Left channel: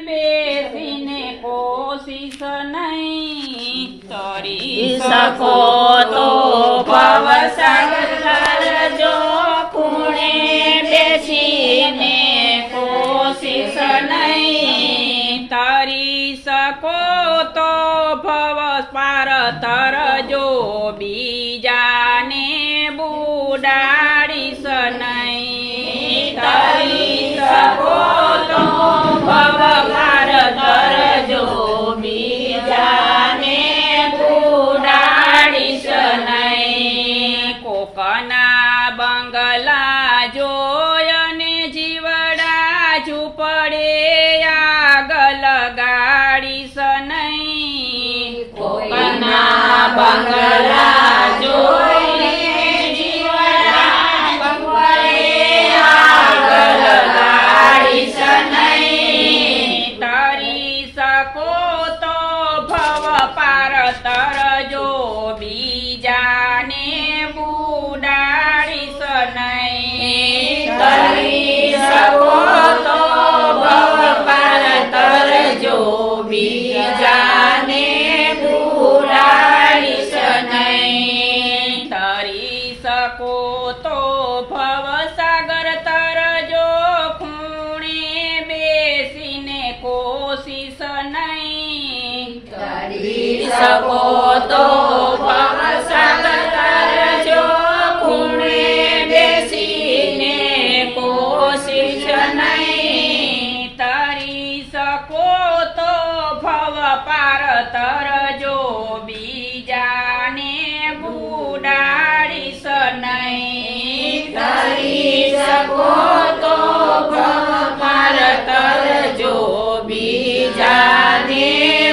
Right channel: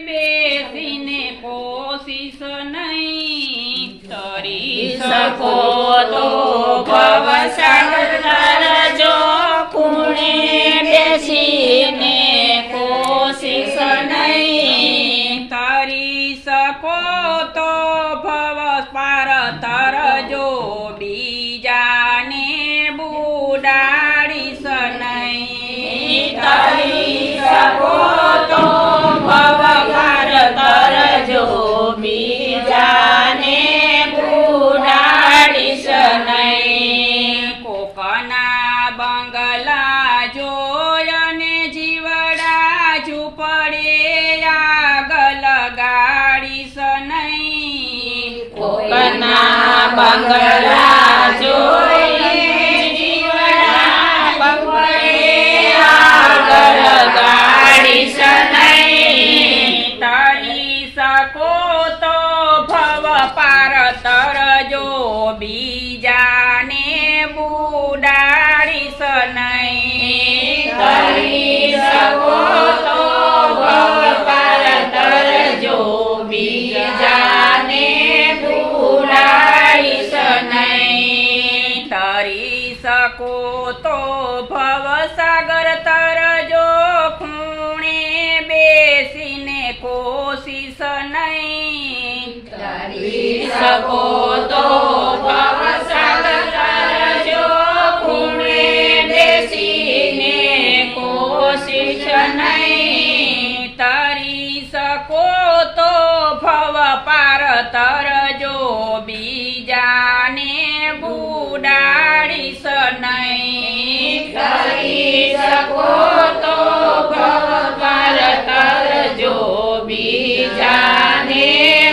બેસીને કોશિશ નહીં કરી શકો તો ભવસરજો કુણે બેસીને કોશિશ નહીં કરી શકો તો ભવ પાર તરજો બીજાને બુડા मंगला તો ભવ ભવસાગર તરજો ખૂણે બેસીને કોશિશ નહીં. શકો તો ભવ બીજાને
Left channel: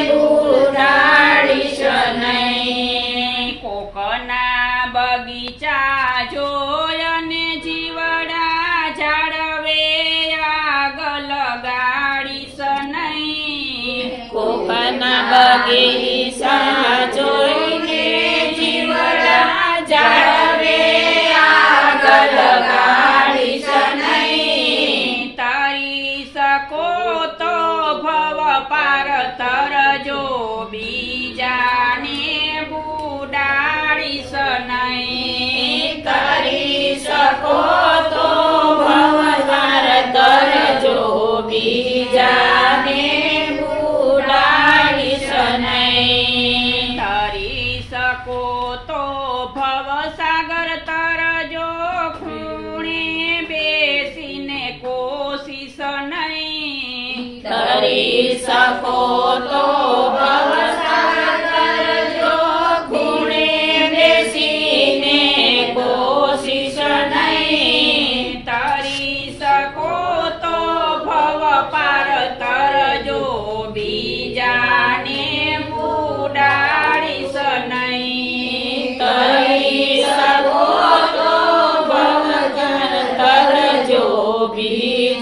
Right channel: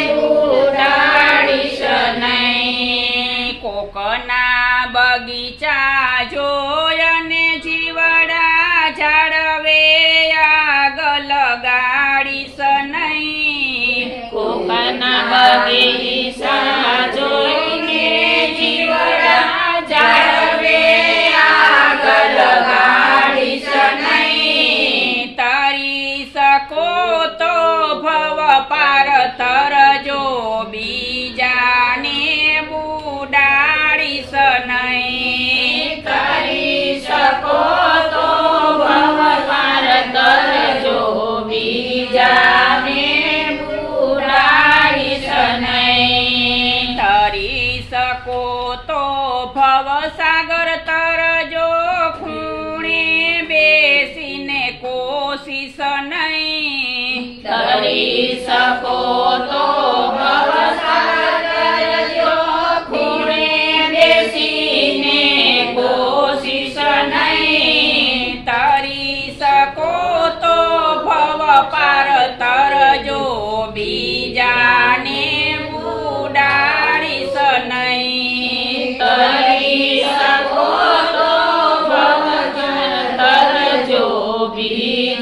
બુરાડીશ નહીં. કોકના બગીચા જોયને જીવડા જાળવે આગળ ગાડીશ નહીં. કોકના બગીચા તરી શકો તો ભવ સાગર ભવસાગર તરજો ખૂણે બેસીને કોશિશ નહીં. તરી શકો તો Be.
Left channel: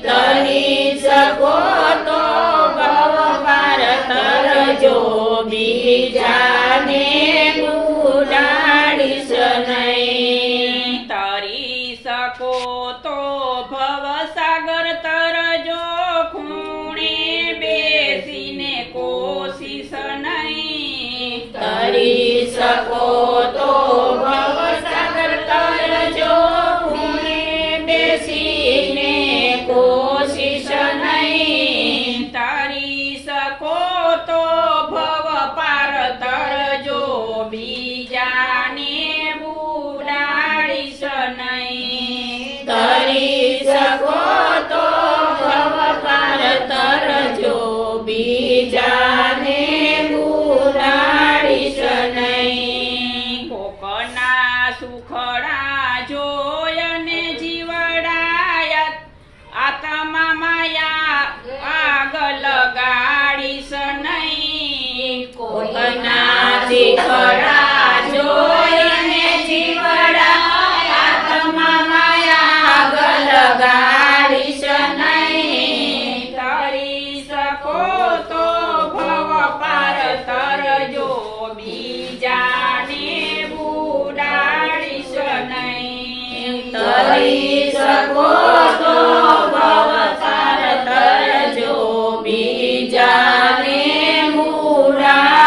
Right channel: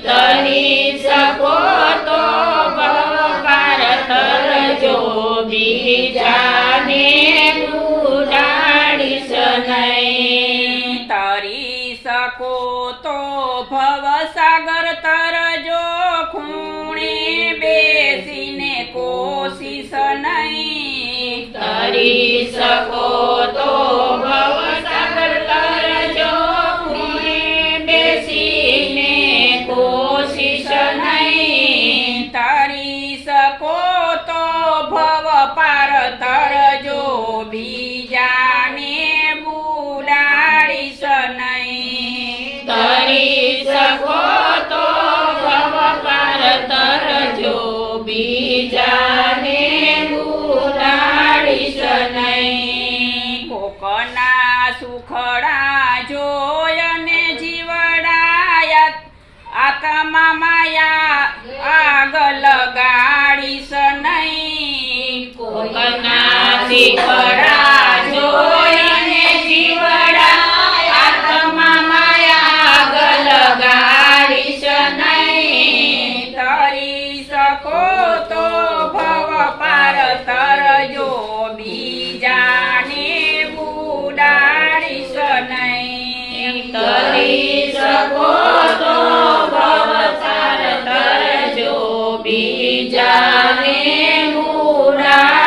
તરી શકો તો ભારત જો બીજાને ઉડાડીશ તરી શકો તો ભવસાગર તરજો ખૂણે બેસીને કોશિશ નહીં તરી શકો બીજાને ગુરાડીશ નહીં કોકના સુખડા જોયને જીવડાયત આત્મા માયા આગ લગાડીશ નહીં કોકના શિખડા બીજાને મુરાડીશ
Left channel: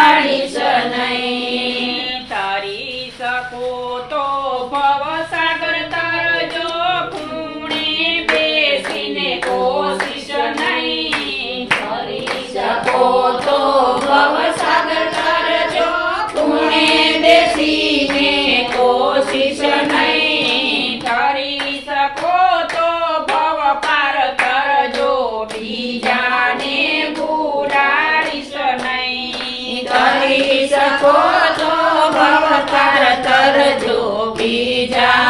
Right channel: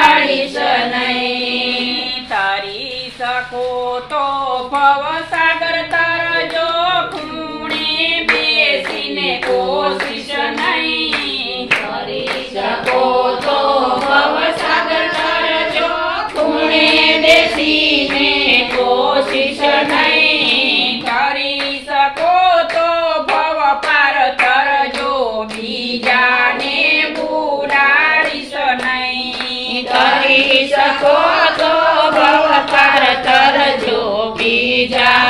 બીજાને